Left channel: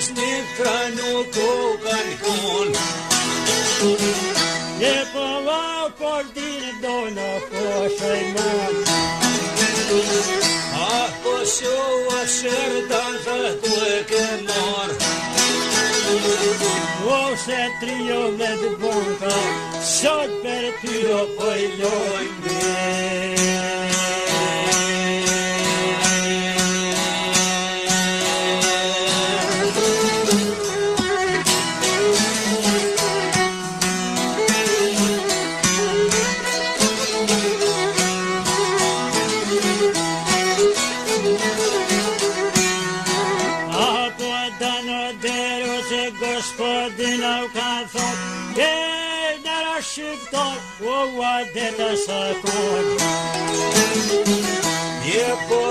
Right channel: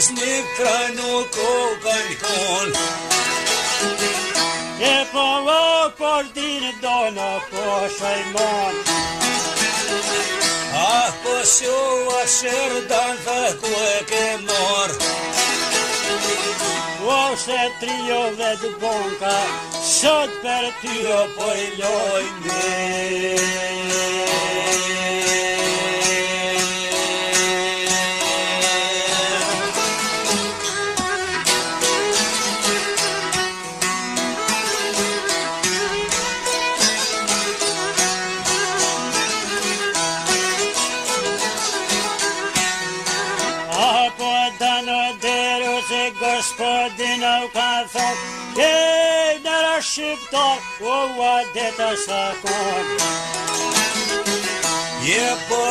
mos një trajnu kokën ton. Je po vë por dine dono po shajmon. Ah, po shua shërdan të tu e ke mor. O se trio dhe të bonka, sot për tyro po i lojnë. Apo dano deru se gospodina u ka thot, gej nara shqiptar, o va deta sa kon. Je po